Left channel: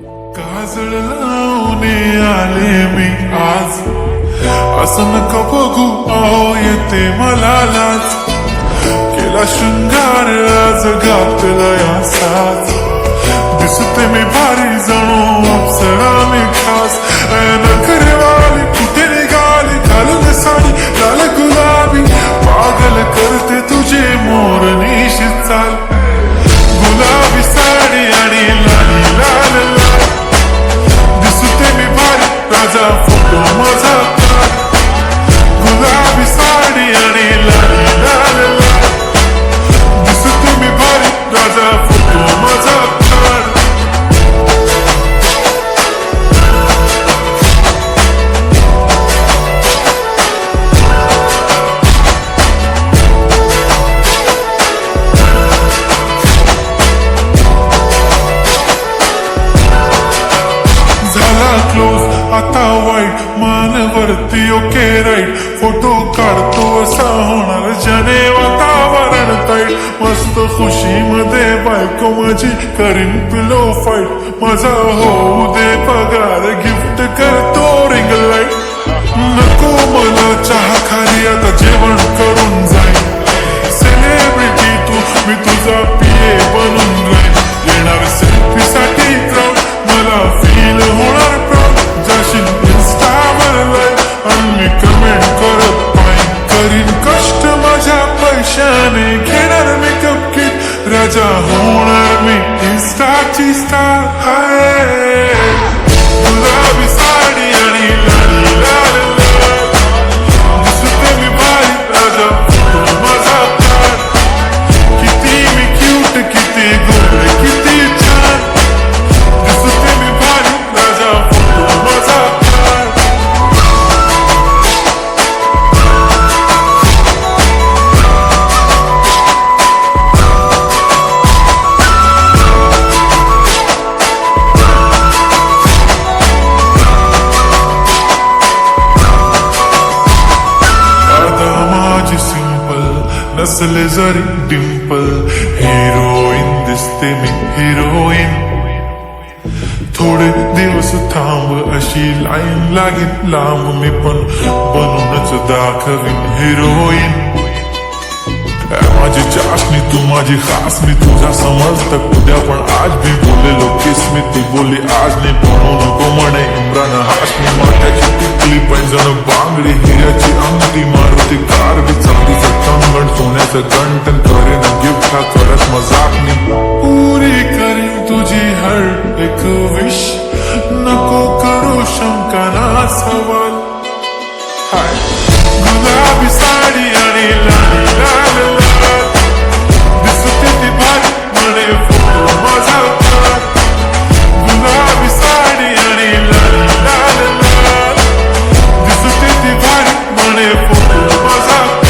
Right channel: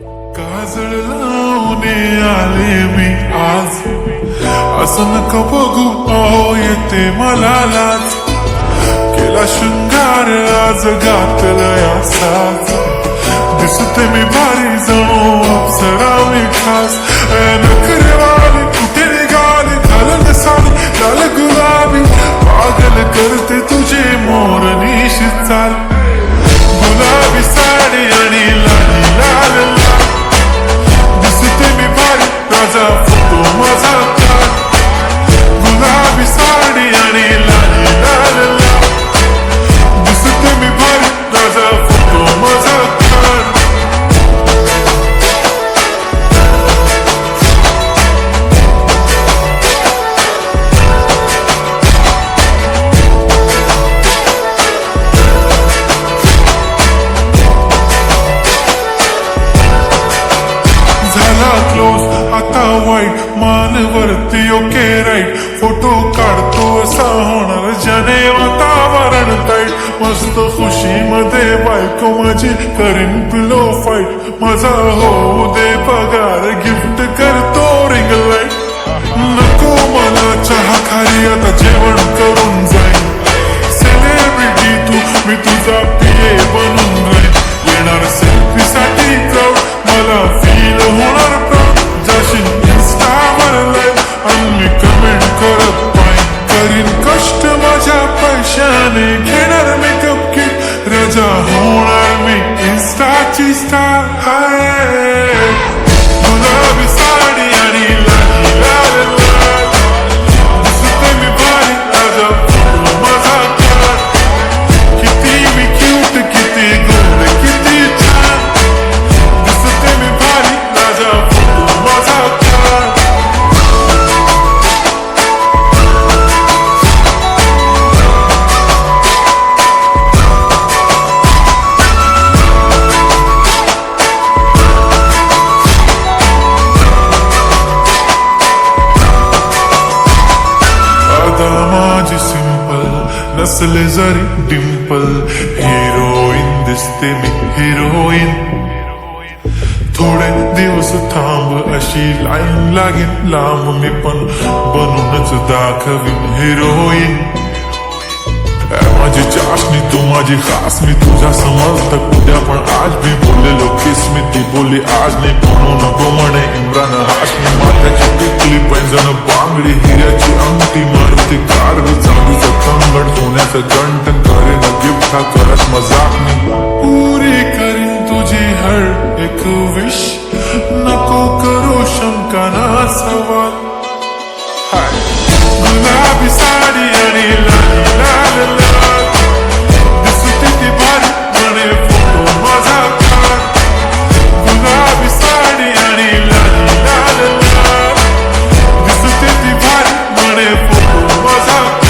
काजळ लावून आले मी आज, असं नका बघू अहो येते मला लाज. केला शृंगार आज घातलाय असाच, दिसते मी भारी जणू अप्सरा मी खास. नखरेवाली कुठे निघाली घालून साडी लाल गुलाबी, पागल करते तुझे मोरनीशी चाल. गुलाबी साडी आणि लाली लाल लाल, दिसते मी भारी राजा फोटो माझा काढ. गुलाबी साडी आणि लाली लाल लाल, दिसते मी भारी राजा फोटो माझा काढ. झाला क्लोज आता वाईट, मानवरती ओके राईट. फोटो काढतो असा होणार ज्याने वातावरण ताईट. मस्त खुशी मध्ये बायको माझी करीन पिलो फाईट. माझा होऊ दे पगार गिफ्ट करतो रिंग लाईट. नको मला चहा खाली आता जेवण करून जाईन. सेलिब्रिटी तू मी तुझा पिये बनून राहीन. येणार सेल्फी साठी क्राऊड मला फील होणार प्राऊड. जाशील इन्स्टावर लाईव्ह आणि मी कमेंट करत पाईन. करीन कष्ट माझ्या पैशाने घेणार मेकअप किट. राजा होणार मी इन्स्टाची स्टार. हाय गुलाबी साडी आणि लाली लाल लाल, दिसते मी भारी राजा फोटो माझा काढ. किती मी क्यूट किती गोड किती छान, दिसते मी भारी राजा फोटो माझा काढ. अदा माझी सिंपल नसले जरी डिंपल, हिरोईन दिसते मी हिरोईन. थोडे दिवस थांब अशी लाईन लागेल लांब, मी पण बनूनच दाखवीन हिरोईन. माझी चाशनी तू माझी खास, मी तुझ्या समर्थक उद्या पण आज मी बोललेलो किस मी. ती बोली आज नाही बनू नको म्हणे इम्रान हाशमी. माथ्याची टिकली पैंजण बांगडी हिऱ्याची अंगठी, मारुती कार बी चांदीचं तंगण सोन्याचं गंटन. करेन गिफ्ट हा करत मजाकनी, पुरी करीन तुझी हर एक विश. नको करू शंका ना सवाल. हाय गुलाबी साडी आणि लाली लाल लाल, दिसते ती भारी म्हणे फोटो माझा काढ. गुलाबी साडी आणि लाली लाल लाल, दिसते ती भारी म्हणे फोटो माझा काढ.